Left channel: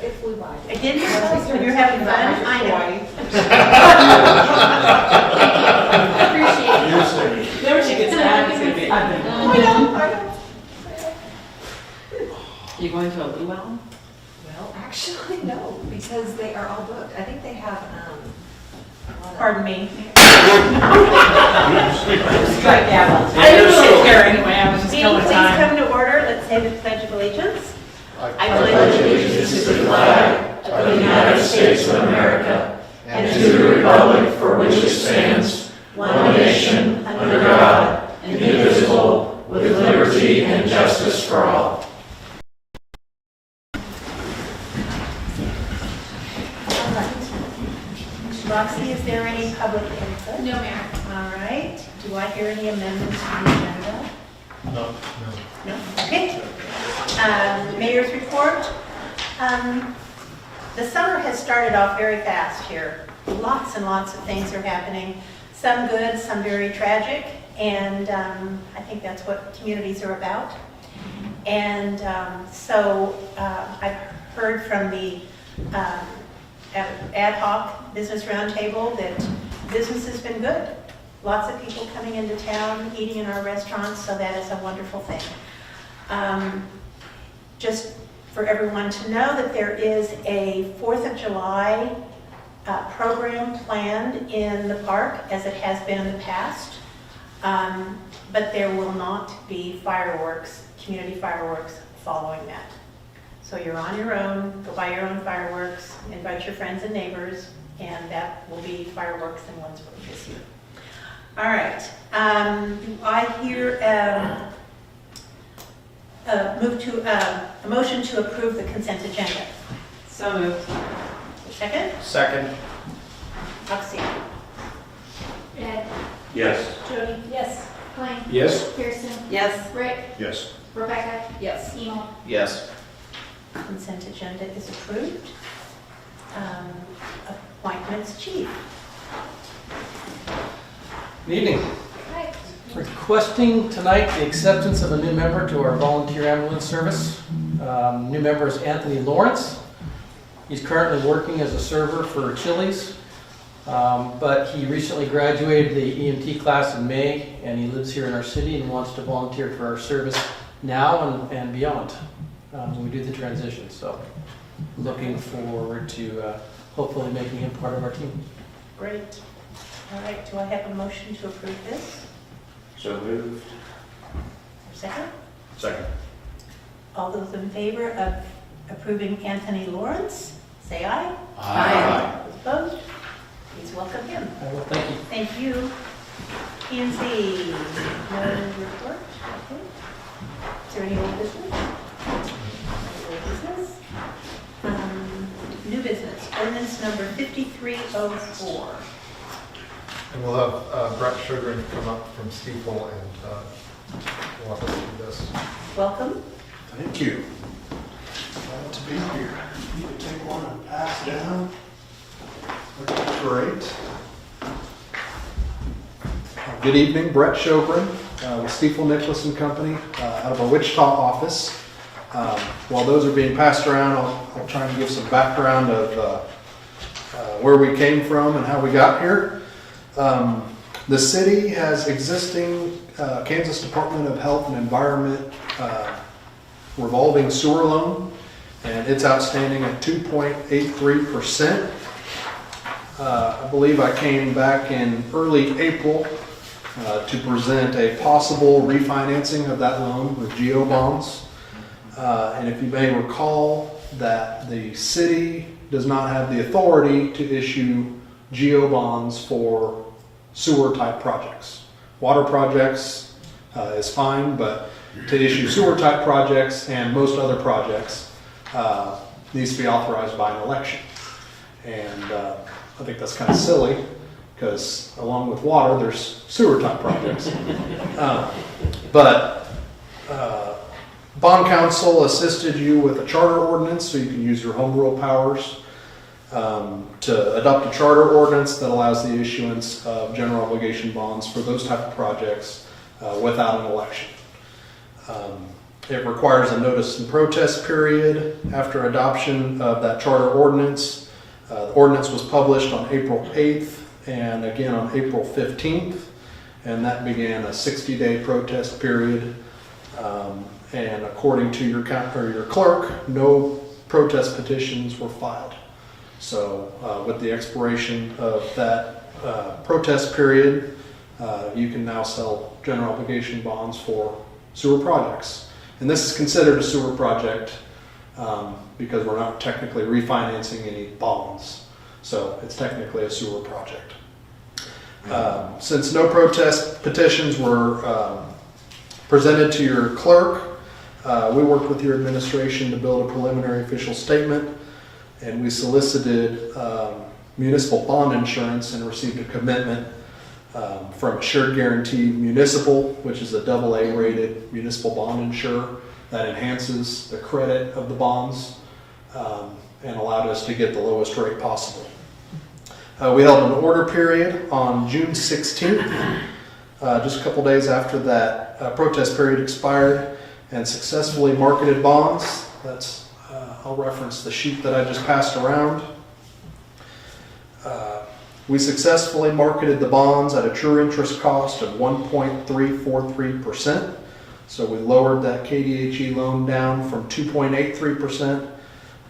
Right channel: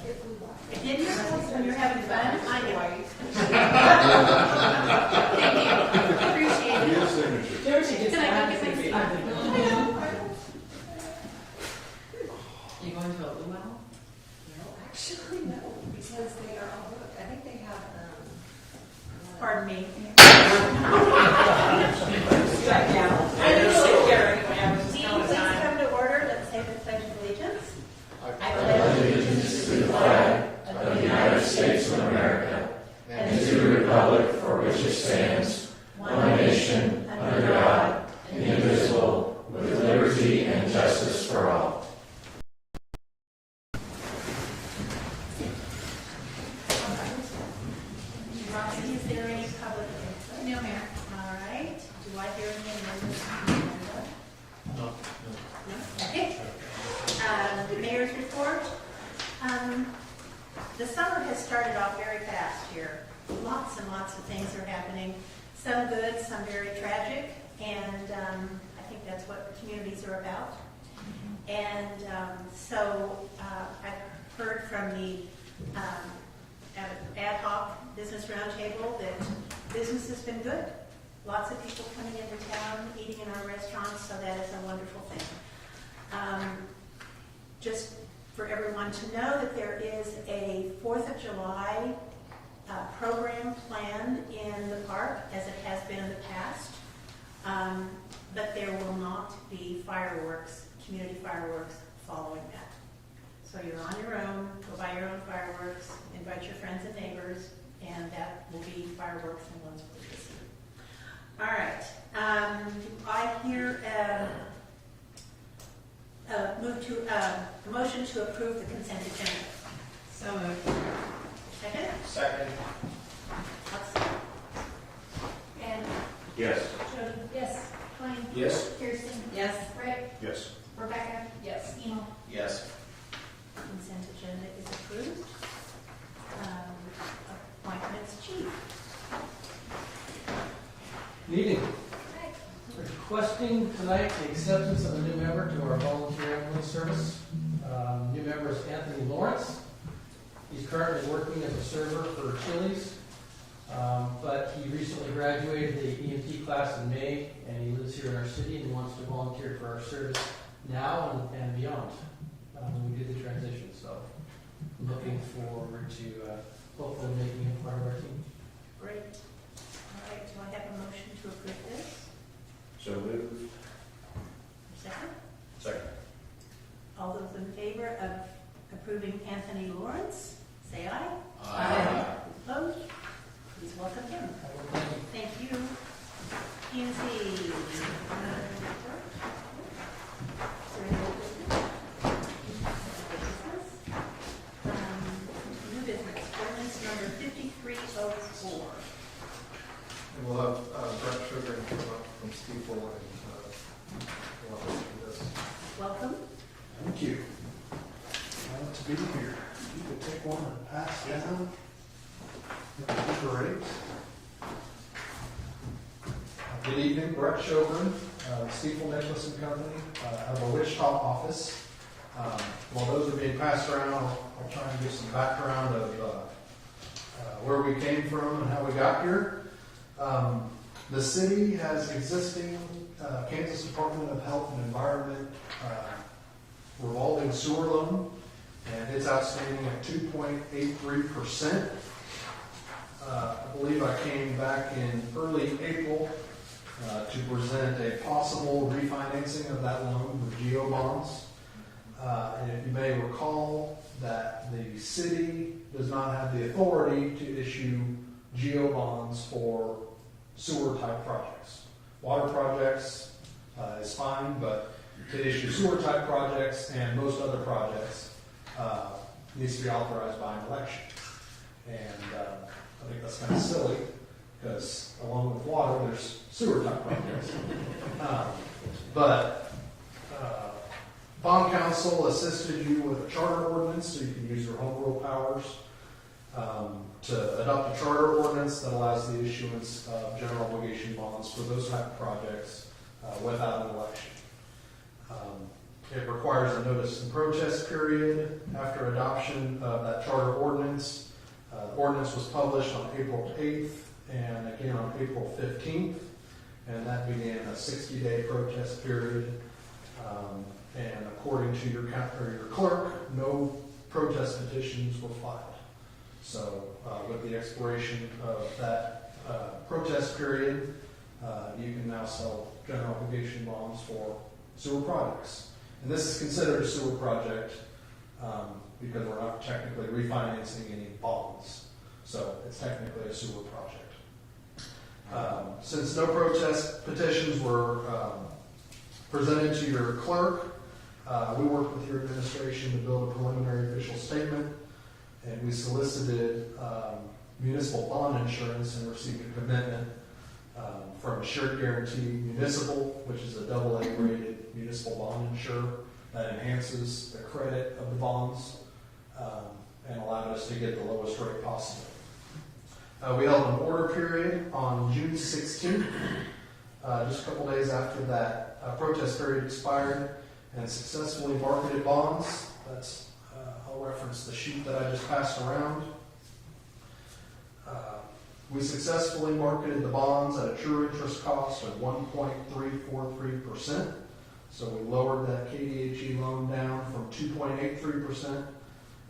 If we like. I didn't realize when you're having fun. I know. Appreciate it. Then when she gets mad, it's gonna be, I think. I know. You going to a luau? Well, actually, no, because they are all booked. I think they have, a lot of- Pardon me. Strike that one. I didn't sit here anyway, I was just Dean, killing please time. come to order. Let's say the Pledge of Allegiance. I pledge allegiance to the flag of the United States of America and to the republic for which it stands, one nation, under God, indivisible, with liberty and justice for all. All right. Roxy, is there any public input? No, ma'am. All right. Do I hear any amendments to the agenda? No. No? Okay. Mayor's report. The summer has started off very fast here. Lots and lots of things are happening. Some good, some very tragic, and I think that's what communities are about. And so I've heard from the ad hoc business roundtable that business has been good. Lots of people coming into town, eating in our restaurants, so that is a wonderful thing. Just for everyone to know that there is a 4th of July program planned in the park, as it has been in the past, but there will not be fireworks, community fireworks following that. So you're on your own, go buy your own fireworks, invite your friends and neighbors, and that will be fireworks in Lindsborg this year. All right, do I hear a motion to approve the consent agenda? So moved. Second? Second. Roxy? Ed, Yes. Jody, Yes. Blaine, Yes. Kirsten, Yes. Rick, Yes. Rebecca, Yes. Emo. Yes. Consent agenda is approved. Appointments, chief. Good evening. Hi. Requesting tonight the acceptance of a new member to our volunteer ambulance service. New member is Anthony Lawrence. He's currently working as a server for Chili's, but he recently graduated the EMT class in May, and he lives here in our city and wants to volunteer for our service now and beyond when we do the transition. So looking forward to hopefully making him part of our team. Great. All right, do I have a motion to approve this? So moved. Second? Second. All those in favor of approving Anthony Lawrence, say aye. Aye. Those opposed? Please welcome him. I will thank you. Thank you. P&Z, no report, okay. Is there any old business? No old business. New business, ordinance number 5304. And we'll have Brett Sugar come up from Steeple and walk us through this. Welcome. Thank you. Glad to be here. Need to take one and pass down. Okay, great. Good evening, Brett Shogren with Steeple Nicholas and Company out of our Wichita office. While those are being passed around, I'll try and give some background of where we came from and how we got here. The city has existing Kansas Department of Health and Environment revolving sewer loan, and it's outstanding at 2.83%. I believe I came back in early April to present a possible refinancing of that loan with GEO bonds. And if you may recall that the city does not have the authority to issue GEO bonds for sewer type projects. Water projects is fine, but to issue sewer type projects and most other projects needs to be authorized by an election. And I think that's kind of silly because along with water, there's sewer type projects. But Bond Council assisted you with a charter ordinance so you can use your home rule powers to adopt a charter ordinance that allows the issuance of general obligation bonds for those type of projects without an election. It requires a notice and protest period after adoption of that charter ordinance. The ordinance was published on April 8th and again on April 15th, and that began a 60-day protest period. And according to your clerk, no protest petitions were filed. So with the expiration of that protest period, you can now sell general obligation bonds for sewer projects. And this is considered a sewer project because we're not technically refinancing any bonds. So it's technically a sewer project. Since no protest petitions were presented to your clerk, we worked with your administration to build a preliminary official statement, and we solicited municipal bond insurance and received a commitment from Assured Guarantee Municipal, which is a AA rated municipal bond insurer that enhances the credit of the bonds and allowed us to get the lowest rate possible. We held an order period on June 16th, just a couple days after that protest period expired, and successfully marketed bonds. I'll reference the sheet that I just passed around. We successfully marketed the bonds at a true interest cost of 1.343%. So we lowered that KDHE loan down from 2.83%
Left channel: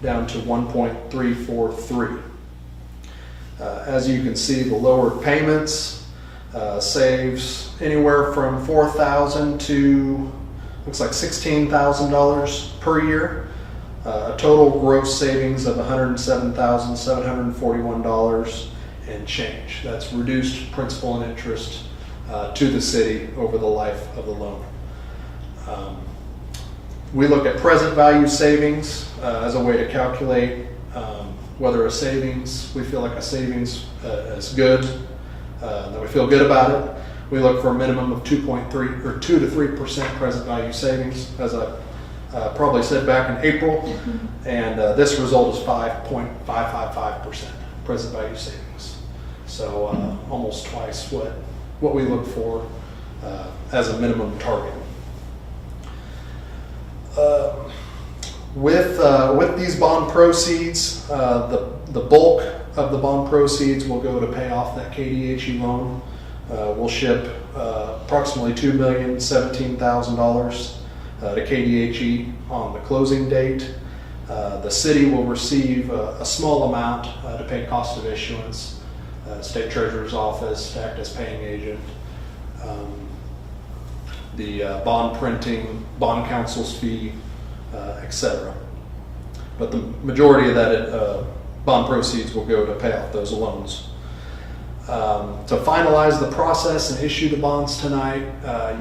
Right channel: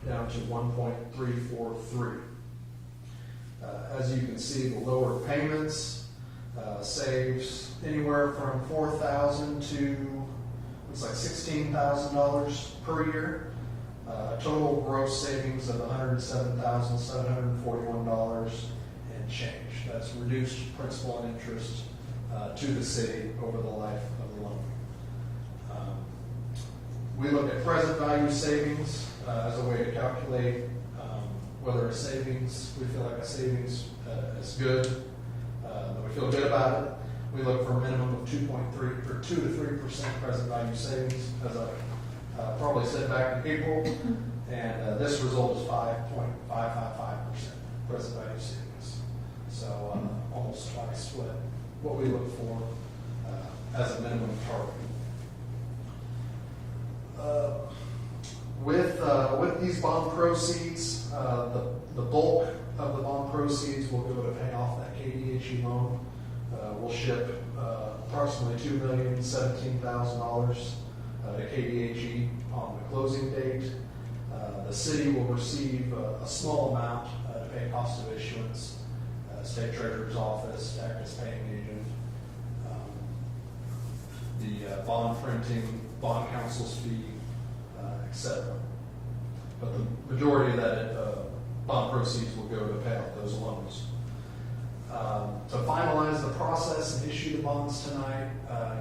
down to 1.343. As you can see, the lowered payments saves anywhere from $4,000 to looks like $16,000 per year. A total gross savings of $107,741 and change. That's reduced principal and interest to the city over the life of the loan. We look at present value savings as a way to calculate whether a savings, we feel like a savings is good, that we feel good about it. We look for a minimum of 2.3 or 2 to 3% present value savings, as I probably said back in April, and this result is 5.555% present value savings. So almost twice what we look for as a minimum target. With these bond proceeds, the bulk of the bond proceeds will go to pay off that KDHE loan. We'll ship approximately $2,017,000 to KDHE on the closing date. The city will receive a small amount to pay cost of issuance, State Treasurer's Office to act as paying agent, the bond printing, bond counsel's fee, etc. But the majority of that bond proceeds will go to pay off those loans. To finalize the process and issue the bonds tonight,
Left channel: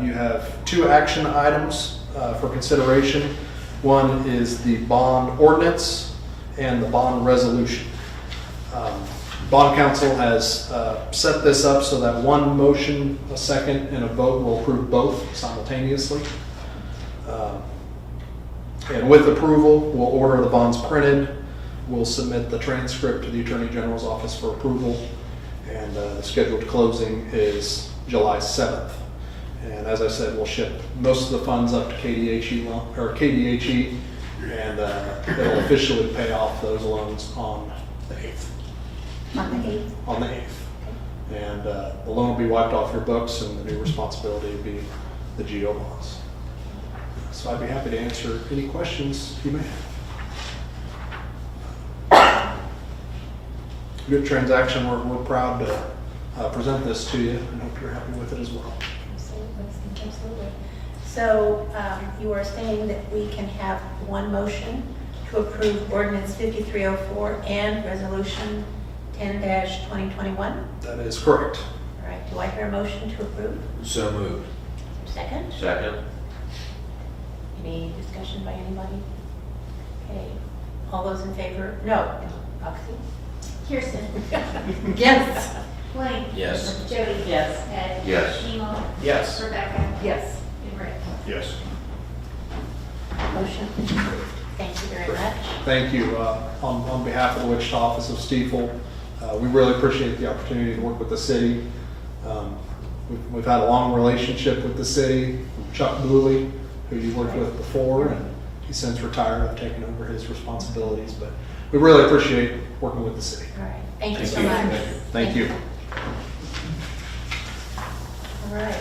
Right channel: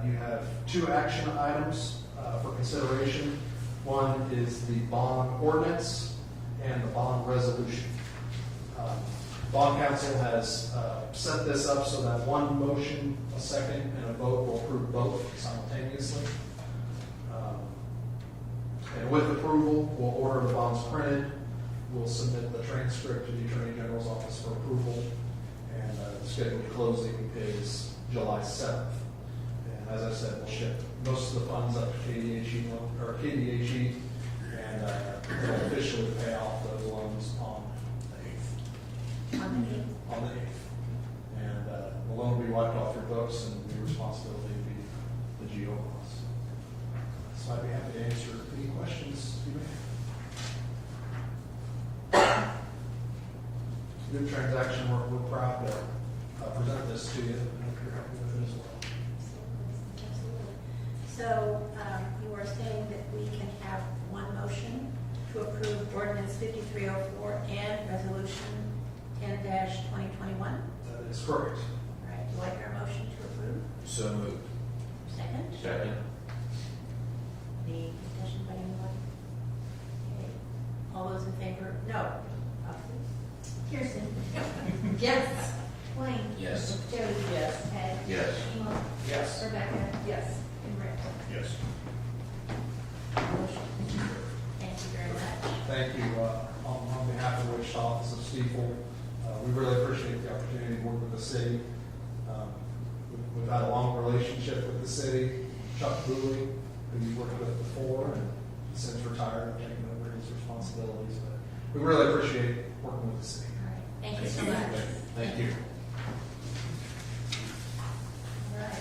you have 2 action items for consideration. One is the bond ordinance and the bond resolution. Bond counsel has set this up so that one motion, a second, and a vote will approve both simultaneously. And with approval, we'll order the bonds printed. We'll submit the transcript to the Attorney General's office for approval. And the scheduled closing is July 7th. And as I said, we'll ship most of the funds up to KDHE, and it'll officially pay off those loans on the 8th. On the 8th. And the loan will be wiped off your books, and the new responsibility will be the GO bonds. So I'd be happy to answer any questions you may have. Good transaction. We're proud to present this to you, and hope you're happy with it as well. Absolutely. So you are saying that we can have one motion to approve ordinance 5304 and resolution 10-2021? That is correct. All right, do I hear a motion to approve? So moved. Second? Second. Any discussion by anybody? Okay, all those in favor? No. Roxy? Kirsten. Yes. Blaine. Yes. Jody. Yes. Ed. Yes. Emo. Yes. Rebecca. Yes. And Rick. Yes. Motion approved. Thank you very much. Thank you. On behalf of the Wichita office of Stiefel, we really appreciate the opportunity to work with the city. We've had a long relationship with the city. Chuck Dooley, who you worked with before, and he's since retired. I've taken over his responsibilities, but we really appreciate working with the city. All right, thank you so much. Thank you. All right.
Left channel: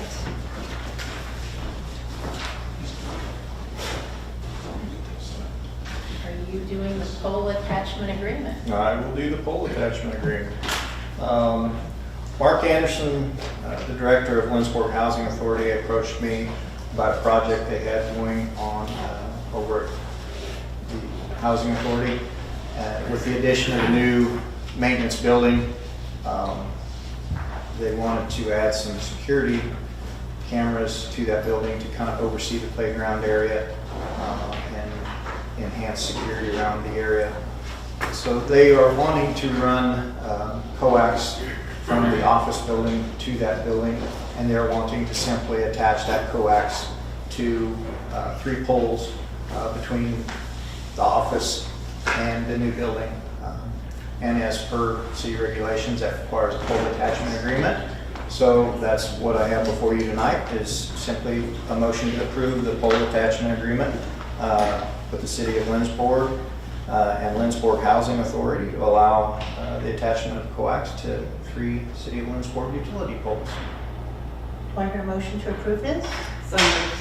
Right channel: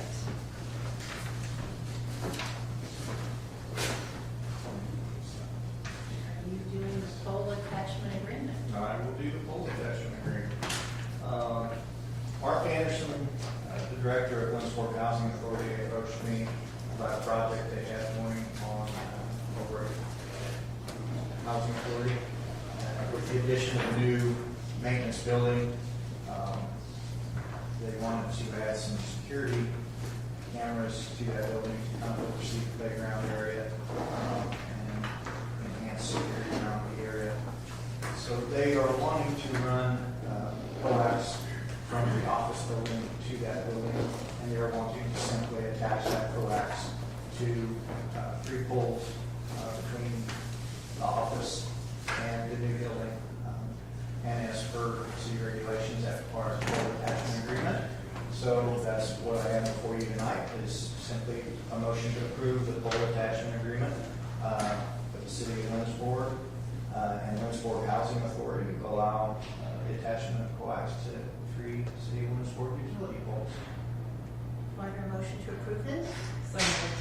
Are you doing the pole attachment agreement? I will do the pole attachment agreement. Mark Anderson, the director of Lindsborg Housing Authority, approached me about a project they had going on over at the Housing Authority. With the addition of a new maintenance building, they wanted to add some security cameras to that building to kind of oversee the playground area and enhance security around the area. So they are wanting to run coax from the office building to that building, and they're wanting to simply attach that coax to 3 poles between the office and the new building. And as per city regulations, that requires a pole attachment agreement. So that's what I have before you tonight, is simply a motion to approve the pole attachment agreement with the city of Lindsborg and Lindsborg Housing Authority to allow the attachment of coax to 3 city of Lindsborg utility poles. Do I hear a motion to approve this? So moved.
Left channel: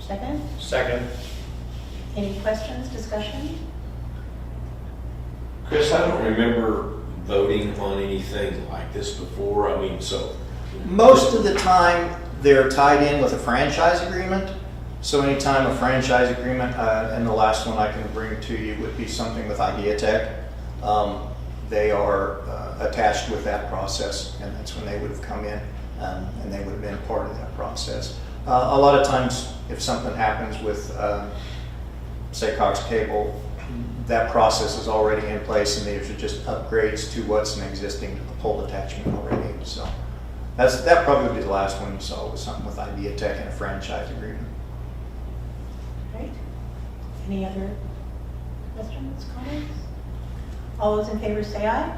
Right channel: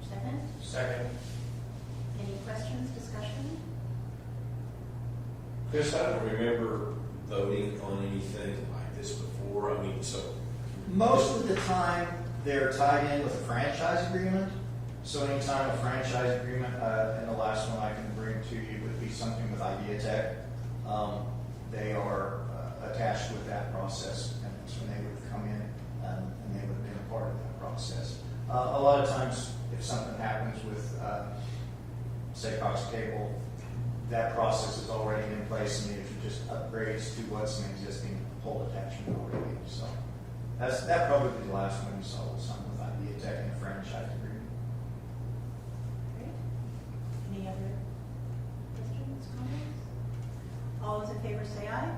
Second? Second. Any questions, discussion? Chris, I don't remember voting on anything like this before. I mean, so. Most of the time, they're tied in with a franchise agreement. So anytime a franchise agreement, and the last one I can bring to you would be something with Ideatech. They are attached with that process, and that's when they would have come in, and they would have been part of that process. A lot of times, if something happens with, say, Cox Cable, that process is already in place, and these are just upgrades to what's an existing pole attachment already. So that probably be the last one you saw, was something with Ideatech and a franchise agreement. Great. Any other questions, comments? All those in favor say aye.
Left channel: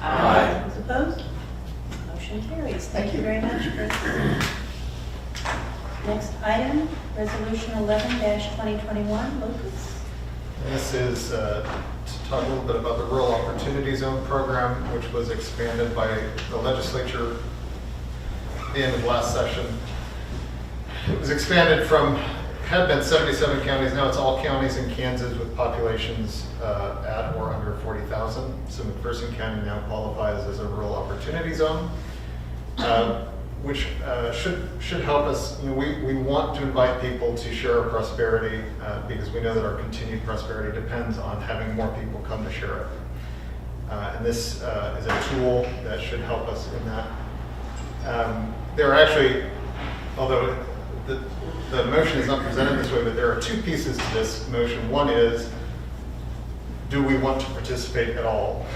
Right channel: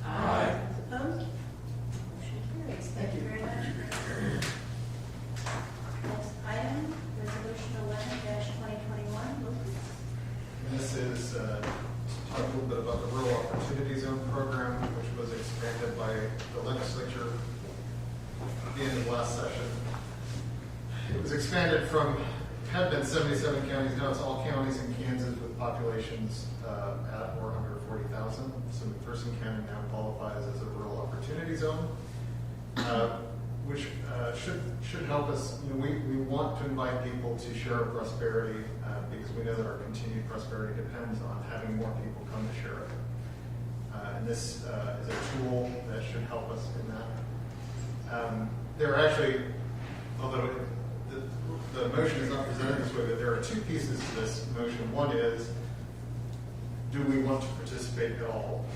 Aye. Those opposed? Motion carries. Thank you very much, Chris. Next item, Resolution 11-2021, Lucas. This is to talk a little bit about the Rural Opportunity Zone program, which was expanded by the legislature at the end of last session. It was expanded from, had been 77 counties, now it's all counties in Kansas with populations at or under 40,000. So McPherson County now qualifies as a Rural Opportunity Zone, which should help us. You know, we want to invite people to share our prosperity because we know that our continued prosperity depends on having more people come to share it. And this is a tool that should help us in that. There are actually, although the motion is not presented this way, but there are 2 pieces to this motion. One is, do we want to participate at all?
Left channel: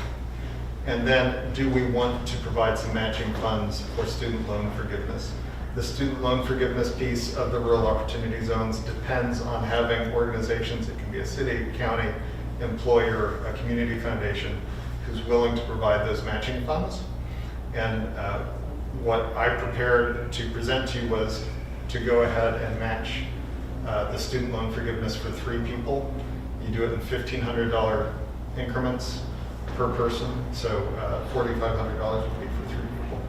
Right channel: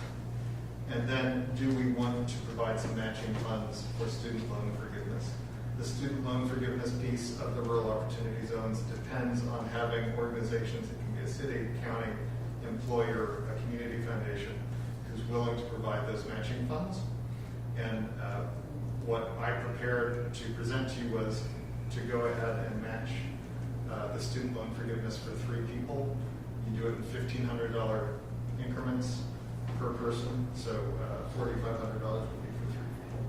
And then, do we want to provide some matching funds for student loan forgiveness? The student loan forgiveness piece of the Rural Opportunity Zones depends on having organizations, it can be a city, county, employer, a community foundation, who's willing to provide those matching funds. And what I prepared to present to you was to go ahead and match the student loan forgiveness for 3 people. You do it in $1,500 increments per person, so $4,500 would be for 3 people.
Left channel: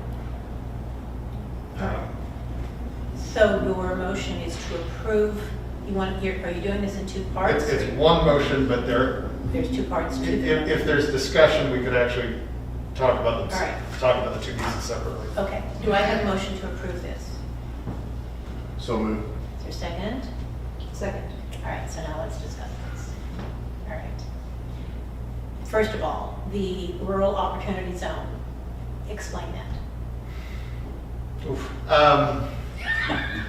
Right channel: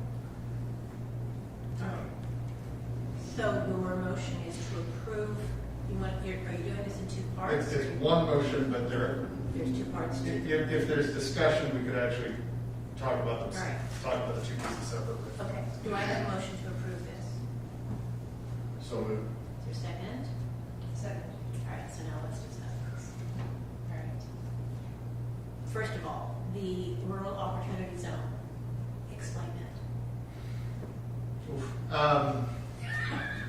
So your motion is to approve, are you doing this in 2 parts? It's one motion, but There's 2 parts to it. if there's discussion, we could actually talk about All right. the 2 pieces separately. Okay, do I have a motion to approve this? So moved. Is there a second? Second. All right, so now let's discuss this. All right. First of all, the Rural Opportunity Zone, explain that. Oof.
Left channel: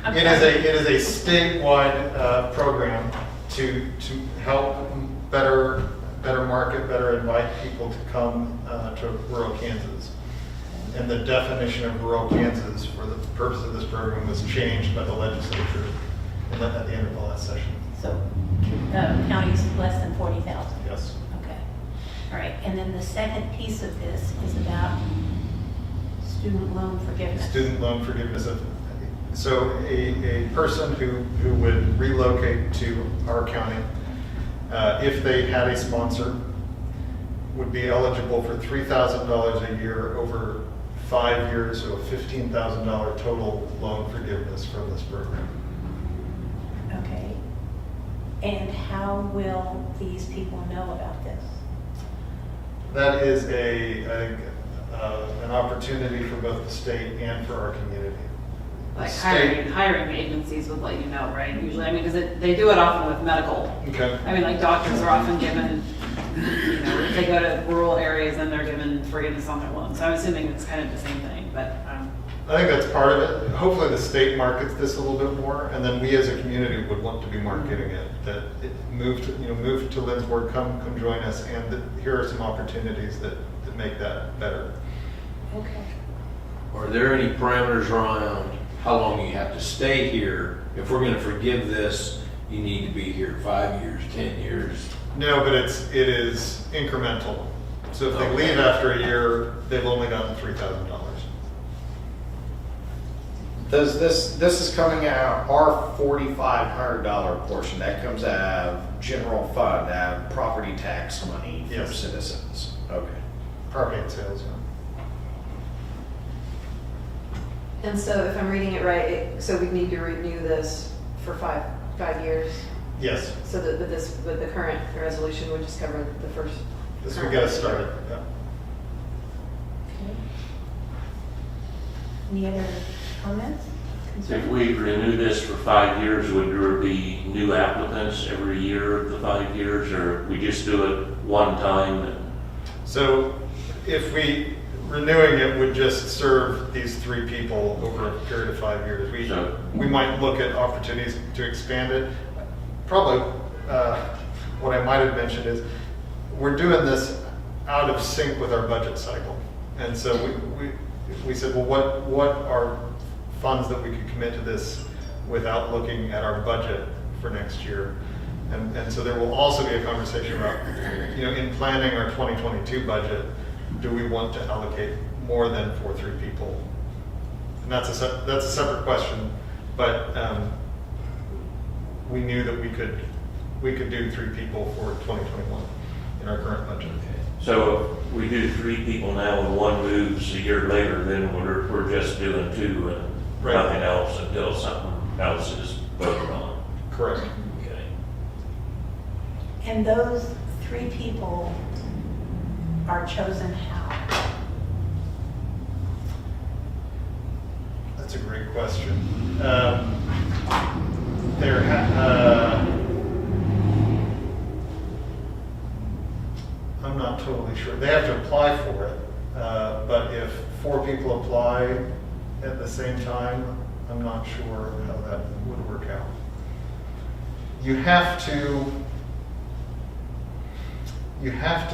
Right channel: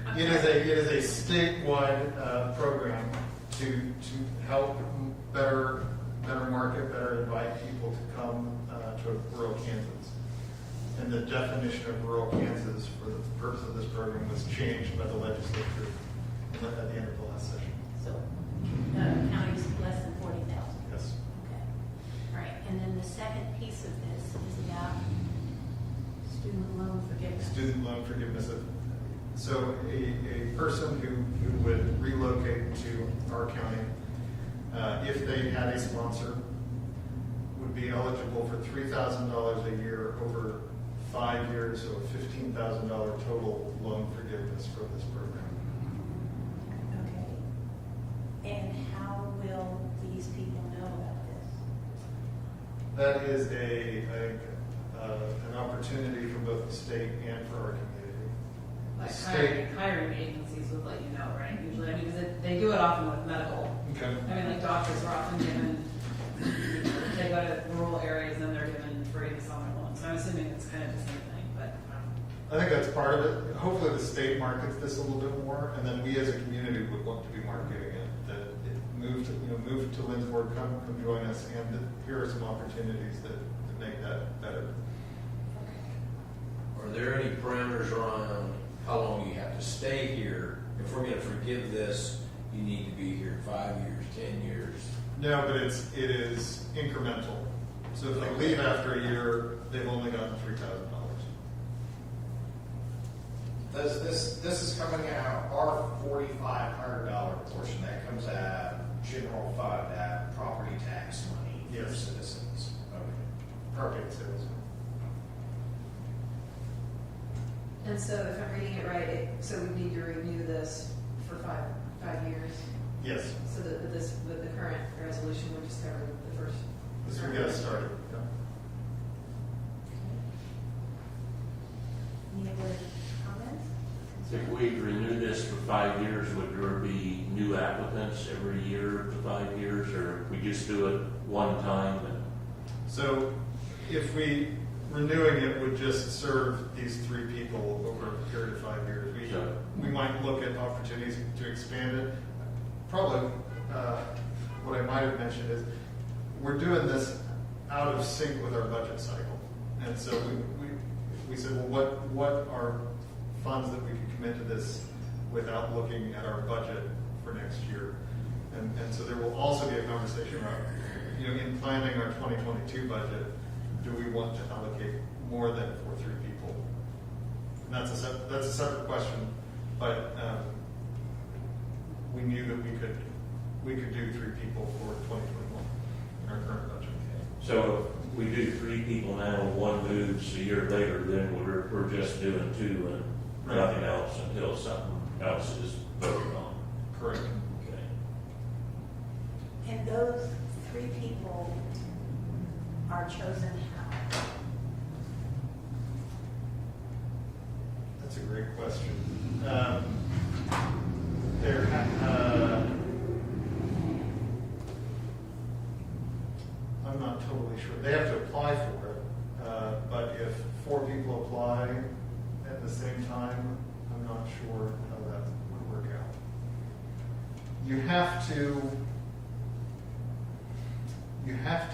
It is a statewide program to help better market, better invite people to come to rural Kansas. And the definition of rural Kansas for the purpose of this program was changed by the legislature at the end of the last session. So counties less than 40,000. Yes. Okay. All right, and then the second piece of this is about Student loan forgiveness. Student loan forgiveness. So a person who would relocate to our county, if they had a sponsor, would be eligible for $3,000 a year over 5 years, so a $15,000 total loan forgiveness from this program. Okay. And how will these people know about this? That is an opportunity for both the state and for our community. Like State- hiring agencies would let you know, right? Usually, I mean, because they do it often with medical. Okay. I mean, like doctors are often given, you know, if they go to rural areas and they're given forgiveness on their loans. So I'm assuming it's kind of the same thing, but, I think that's part of it. Hopefully the state markets this a little bit more, and then we as a community would want to be marketing it, that it move to Lindsborg, come join us, and that here are some opportunities that make that better. Okay. Are there any parameters around how long you have to stay here? If we're gonna forgive this, you need to be here 5 years, 10 years. No, but it is incremental. So if they leave after a year, they've only gotten $3,000. Does this is coming out, our $4,500 portion, that comes out of general fund, out of property tax money for Yes. citizens? Okay. Property and sales, yeah. And so if I'm reading it right, so we need to renew this for five years? Yes, So that with the current resolution would just cover the first. this would current get us year. started, yeah. Any other comments? If Concerns? we renew this for 5 years, would there be new applicants every year of the 5 years, or we just do it one time? So if renewing it would just serve these 3 people over a period of 5 years. So- We might look at opportunities to expand it. Probably, what I might have mentioned is, we're doing this out of sync with our budget cycle. And so we said, well, what are funds that we could commit to this without looking at our budget for next year? And so there will also be a conversation about, in planning our 2022 budget, do we want to allocate more than for 3 people? And that's a separate question, but we knew that we could do 3 people for 2021 in our current budget. So if we do 3 people now and one moves a year later, then we're just doing 2 and Right. nothing else until something else is voted on. Correct. Okay. And those 3 people are chosen how? That's a great question. I'm not totally sure. They have to apply for it, but if 4 people apply at the same time, I'm not sure how that would work out. You have to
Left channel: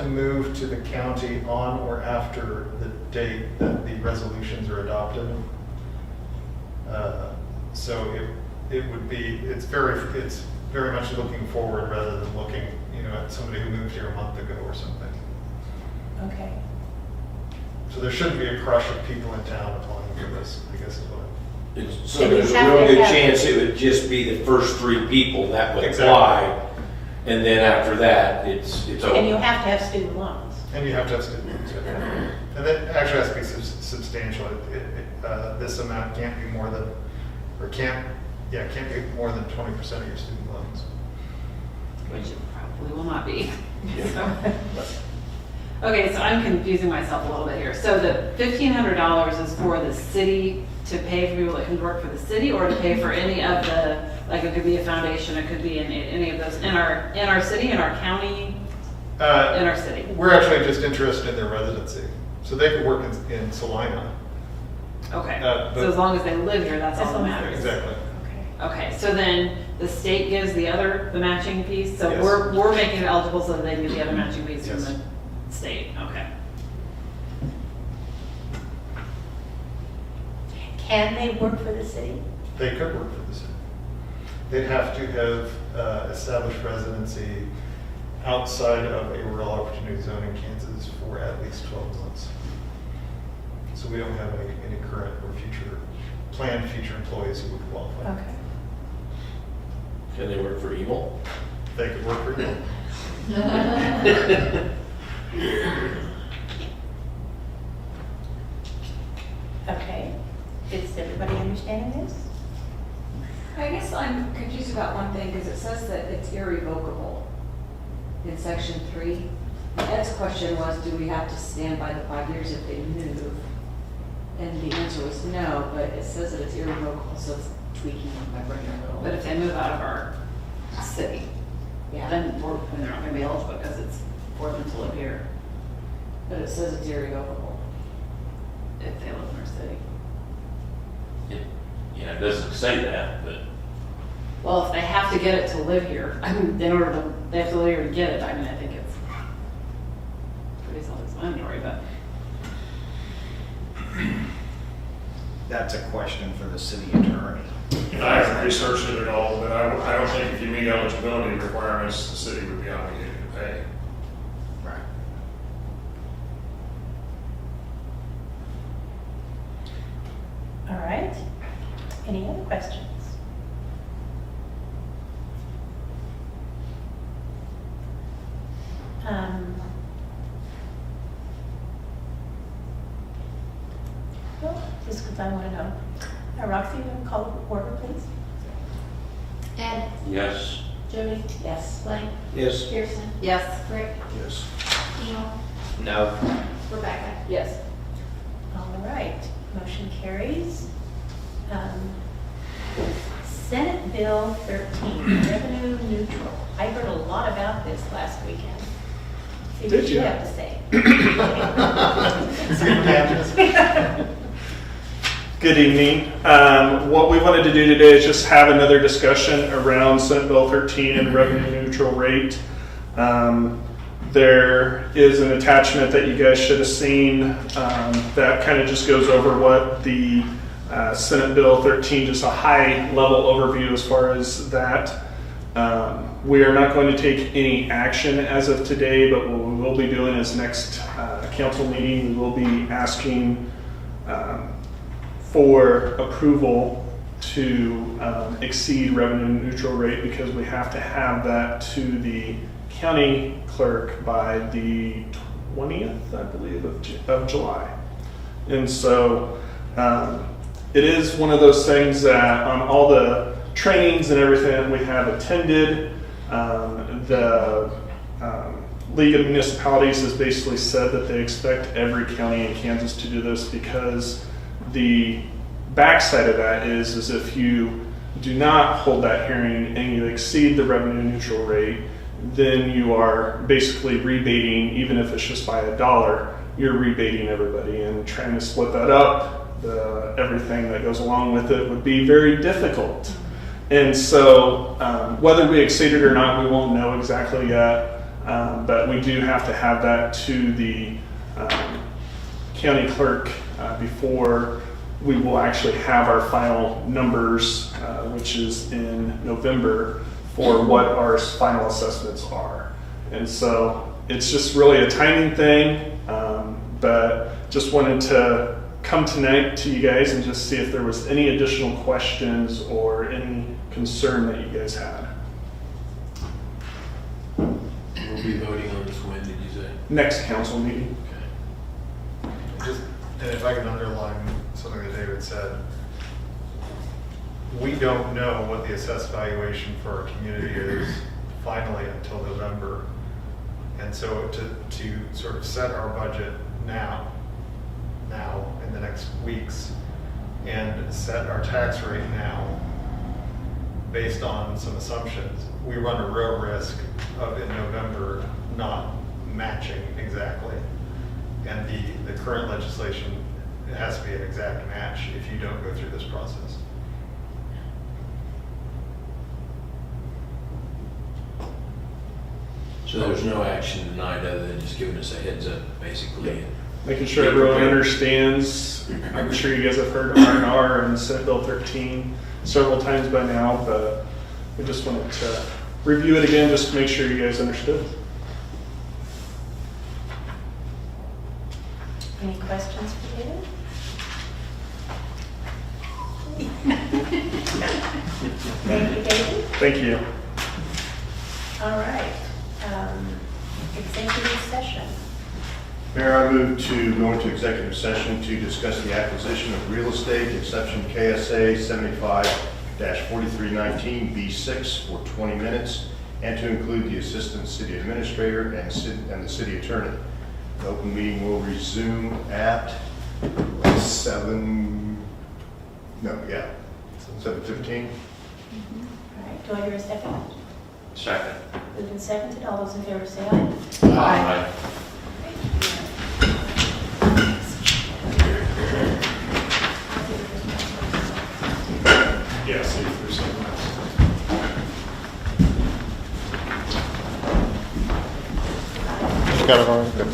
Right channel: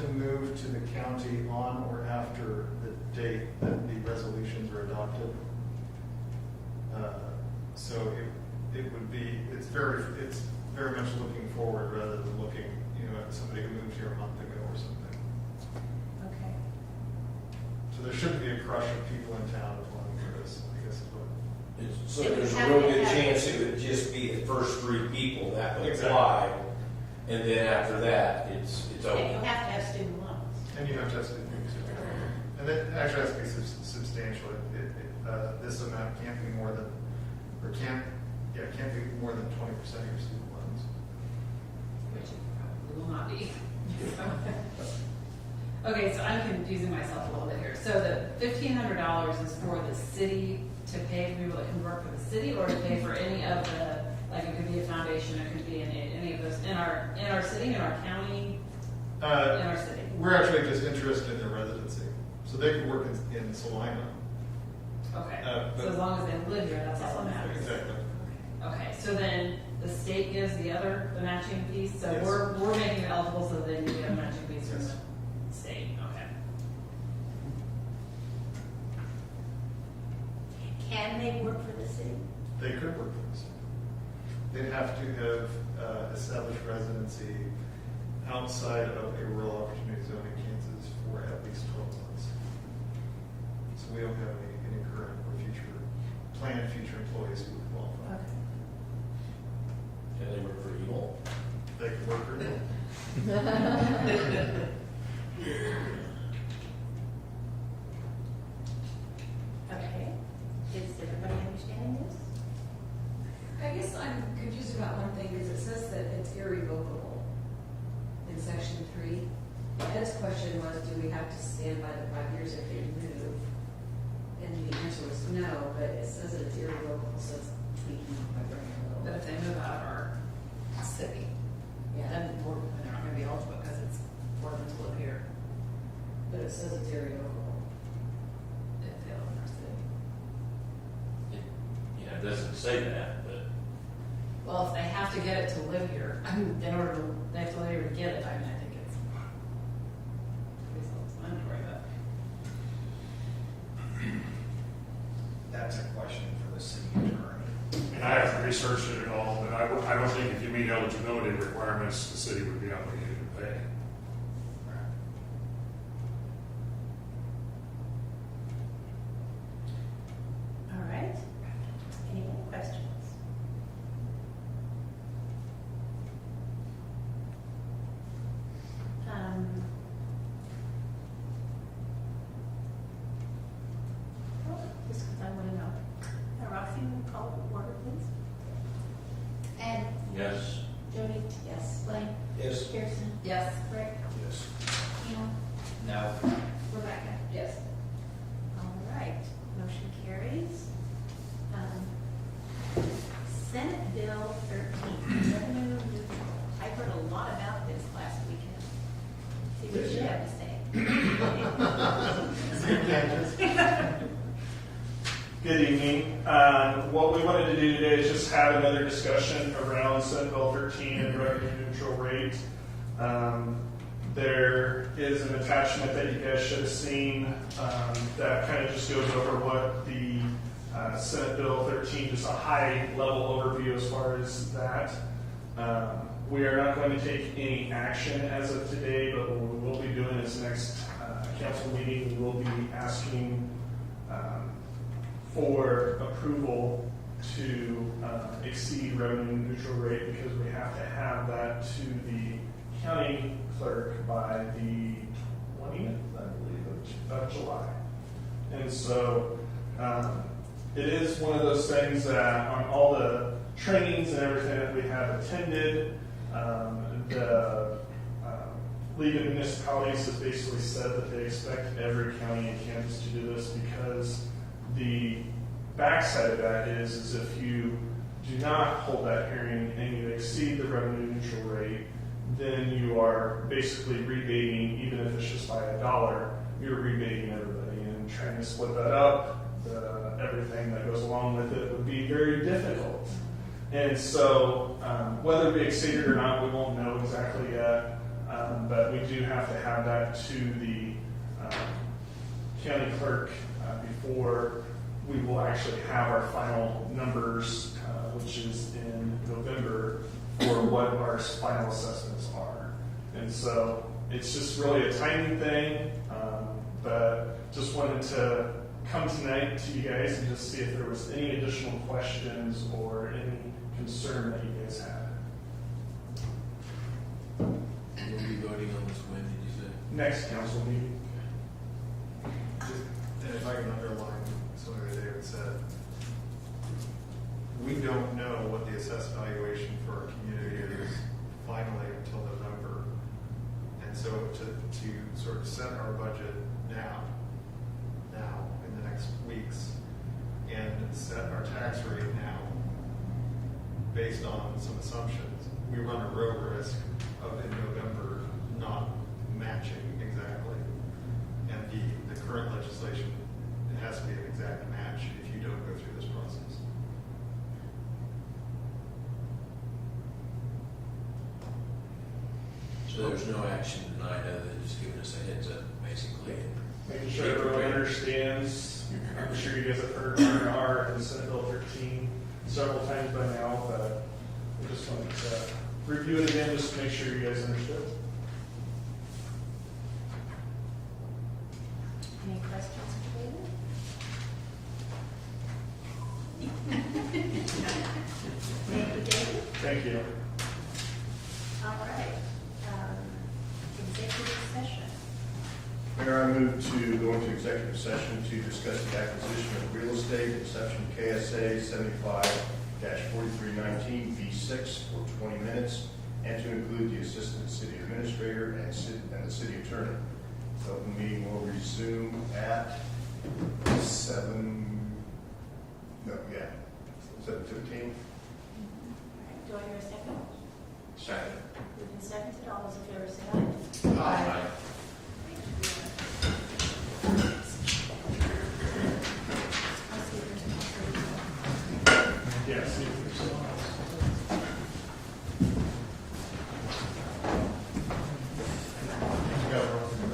move to the county on or after the date that the resolutions are adopted. So it's very much looking forward rather than looking, at somebody who moved here a month ago or something. Okay. So there shouldn't be a crush of people in town applying for this, I guess is what. So And you there's a have real to good have- chance it would just be the first 3 people that would Exactly. apply. And then after that, it's over. And you have to have student loans. And you have to have student loans. And that actually has to be substantial. This amount can't be more than, can't be more than 20% of your student loans. which it probably will not be. Okay, so I'm confusing myself a little bit here. So the $1,500 is for the city to pay for people that can work for the city, or to pay for any of the, like it could be a foundation, it could be in any of those, in our city, in our county, in our city? We're actually just interested in their residency. So they could work in Salina. Okay, but- so as long as they live here, that's all that matters. Exactly. Okay, so then the state gives the matching fees, so Yes. we're making it eligible so that they get the other matching fees from Yes. the state, okay. Can they work for the city? They could work for the city. They'd have to have established residency outside of a rural opportunity zone in Kansas for at least 12 months. So we don't have any current or planned future employees who would qualify. Okay. Can they work for evil? They could work for you. Okay. Is everybody understanding this? I guess I'm confused about one thing, because it says that it's irrevocable in section 3. Ed's question was, do we have to stand by the 5 years if they move? And the answer was no, but it says that it's irrevocable, so it's tweaking my brain a little. But if they move out of our city, Yeah, then they're not gonna be eligible because it's for them to live here but it says it's irrevocable. if they live in our city. Yeah, it doesn't say that, but Well, if they have to get it to live here, I mean, in order to, they have to live here to get it, I mean, I think it's pretty self-explanatory, but. That's a question for the city attorney. I haven't researched it at all, but I don't think if you meet eligibility requirements, the city would be obligated to pay. Right. All right. Any other questions? Well, just because I want to know. Roxy, you want to call the order, please? Ed, yes. Jody, Yes. Blaine, Yes. Kirsten, Yes. Rick, Yes. Neil, No. Rebecca. Yes. All right, motion carries. Senate Bill 13, revenue neutral. I heard a lot about this last weekend. See what Did you you? have to say. Good evening. What we wanted to do today is just have another discussion around Senate Bill 13 and revenue neutral rate. There is an attachment that you guys should have seen that kind of just goes over what the Senate Bill 13, just a high level overview as far as that. We are not going to take any action as of today, but what we will be doing is next council meeting, we will be asking for approval to exceed revenue neutral rate, because we have to have that to the county clerk by the 20th, I believe, of July. And so it is one of those things that on all the trainings and everything that we have attended, the League of Municipalities has basically said that they expect every county in Kansas to do this, because the backside of that is if you do not hold that hearing and you exceed the revenue neutral rate, then you are basically rebating, even if it's just by $1, you're rebating everybody, and trying to split that up, everything that goes along with it would be very difficult. And so whether we exceed it or not, we won't know exactly yet, but we do have to have that to the county clerk before we will actually have our final numbers, which is in November, for what our final assessments are. And so it's just really a timing thing, but just wanted to come tonight to you guys and just see if there was any additional questions or any concern that you guys had. We'll be voting on this when, did you say? Next council meeting. Okay. Just, and if I can underline something that David said, we don't know what the assessed valuation for our community is finally until November. And so to sort of set our budget now in the next weeks, and set our tax rate now based on some assumptions, we run a real risk of in November not matching exactly. And the current legislation, it has to be an exact match if you don't go through this process. So there's no action tonight other than just giving us a heads up, basically. Making sure everyone understands. I'm sure you guys have heard of R&R and Senate Bill 13 several times by now, but we just wanted to review it again just to make sure you guys understood. Any questions for David? Thank you, David. Thank you. All right. Executive session. Mayor, I move to go into executive session to discuss the acquisition of real estate, exception KSA 75-4319B6 for 20 minutes, and to include the assistant city administrator and the city attorney. The open meeting will resume at 7:15. All right. Do I hear a second? Second. Moved and seconded. All those in favor say aye. Aye. Yeah, see if there's something else. Got it on. Good.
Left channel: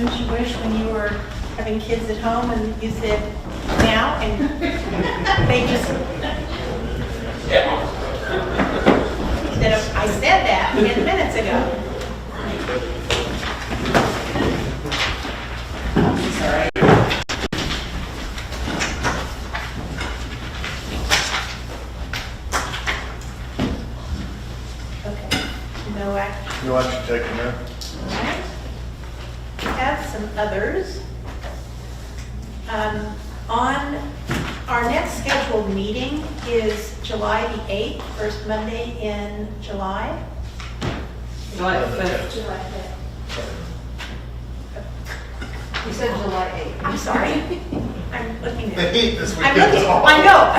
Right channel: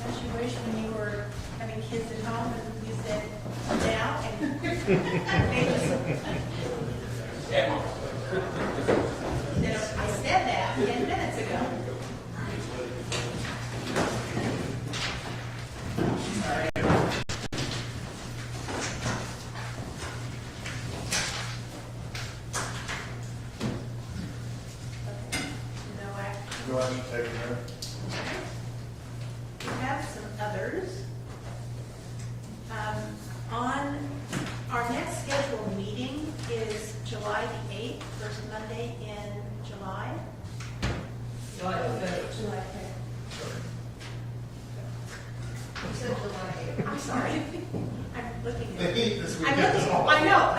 Don't you wish when you were having kids at home and you said now and they just. Instead of, I said that 10 minutes ago. Sorry. Okay, no action. No action taken there. All right. We have some others. On our next scheduled meeting is July the 8th, first Monday in July. July 5th. July 5th. You said July 8th. I'm sorry. I'm looking The at. heat this I'm weekend is looking, all. I know.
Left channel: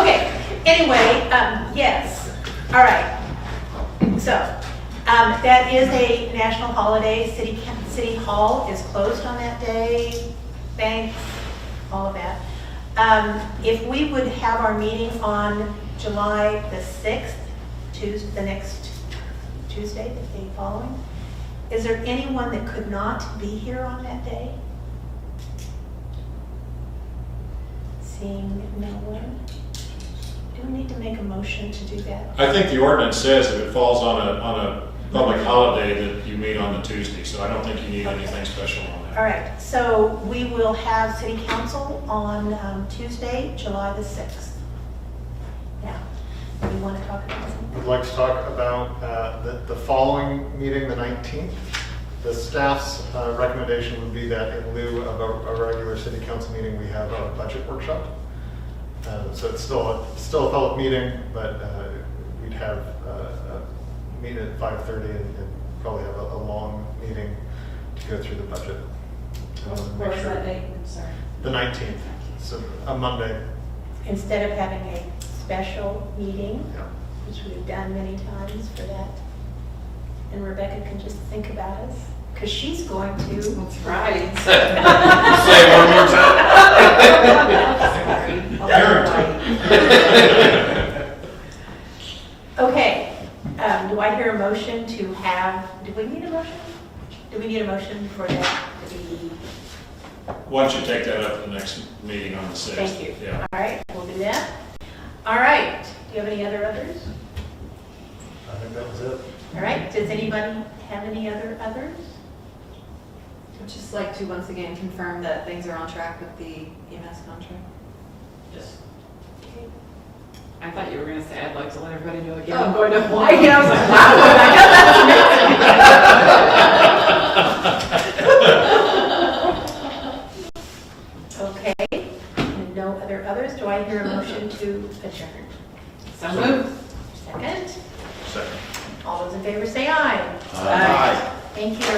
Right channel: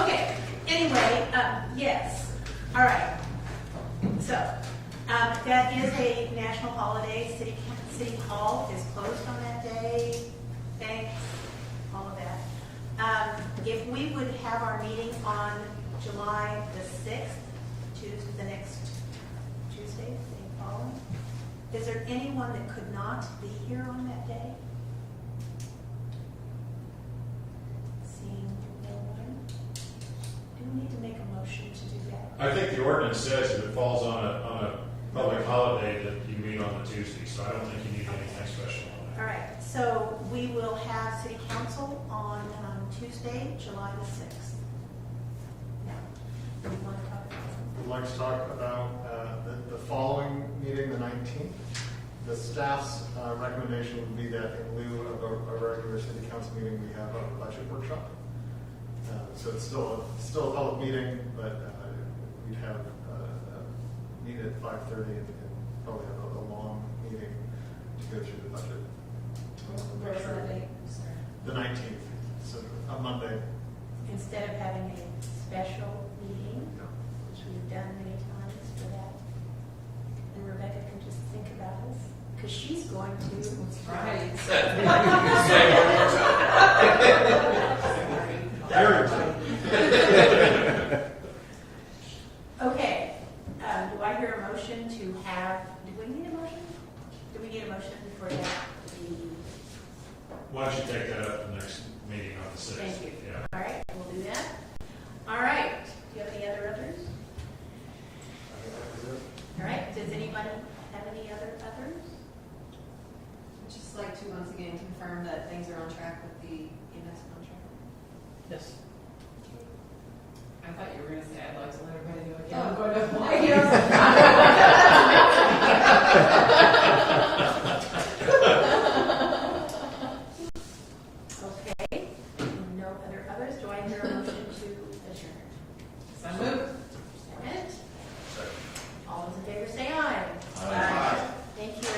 Okay, anyway, yes, all right. So, that is a national holiday. City Hall is closed on that day. Banks, all of that. If we would have our meeting on July the 6th, the next Tuesday, the day following, is there anyone that could not be here on that day? Seeing no one. Do we need to make a motion to do that? I think the ordinance says if it falls on a public holiday that you meet on the Tuesday, so I don't think you need anything special on that. All right, so we will have city council on Tuesday, July the 6th. Now, do you want to talk about something? We'd like to talk about the following meeting, the 19th. The staff's recommendation would be that in lieu of a regular city council meeting, we have a budget workshop. So it's still a public meeting, but we'd have a meeting at 5:30 and probably have a long meeting to go through the budget. What Make was sure- that date? I'm sorry. The 19th, so a Monday. Instead of having a special meeting, Yeah. which we've done many times for that, and Rebecca can just think about us, because she's going to. That's right. Say it one more time. Okay, do I hear a motion to have, do we need a motion? Do we need a motion for that to be, Why don't you take that up at the next meeting on the 6th? thank you. Yeah. All right, we'll do that. All right, do you have any other others? I think that was it. All right, does anybody have any other others? I'd just like to once again confirm that things are on track with the EMS contract. Yes. I thought you were gonna say, I'd like to let everybody know again, Oh. I'm going to Hawaii. I was like, wow, Okay, and no others, do I hear a motion to adjourn? So moved. Second, Second. all those in favor say aye. Aye. Thank you.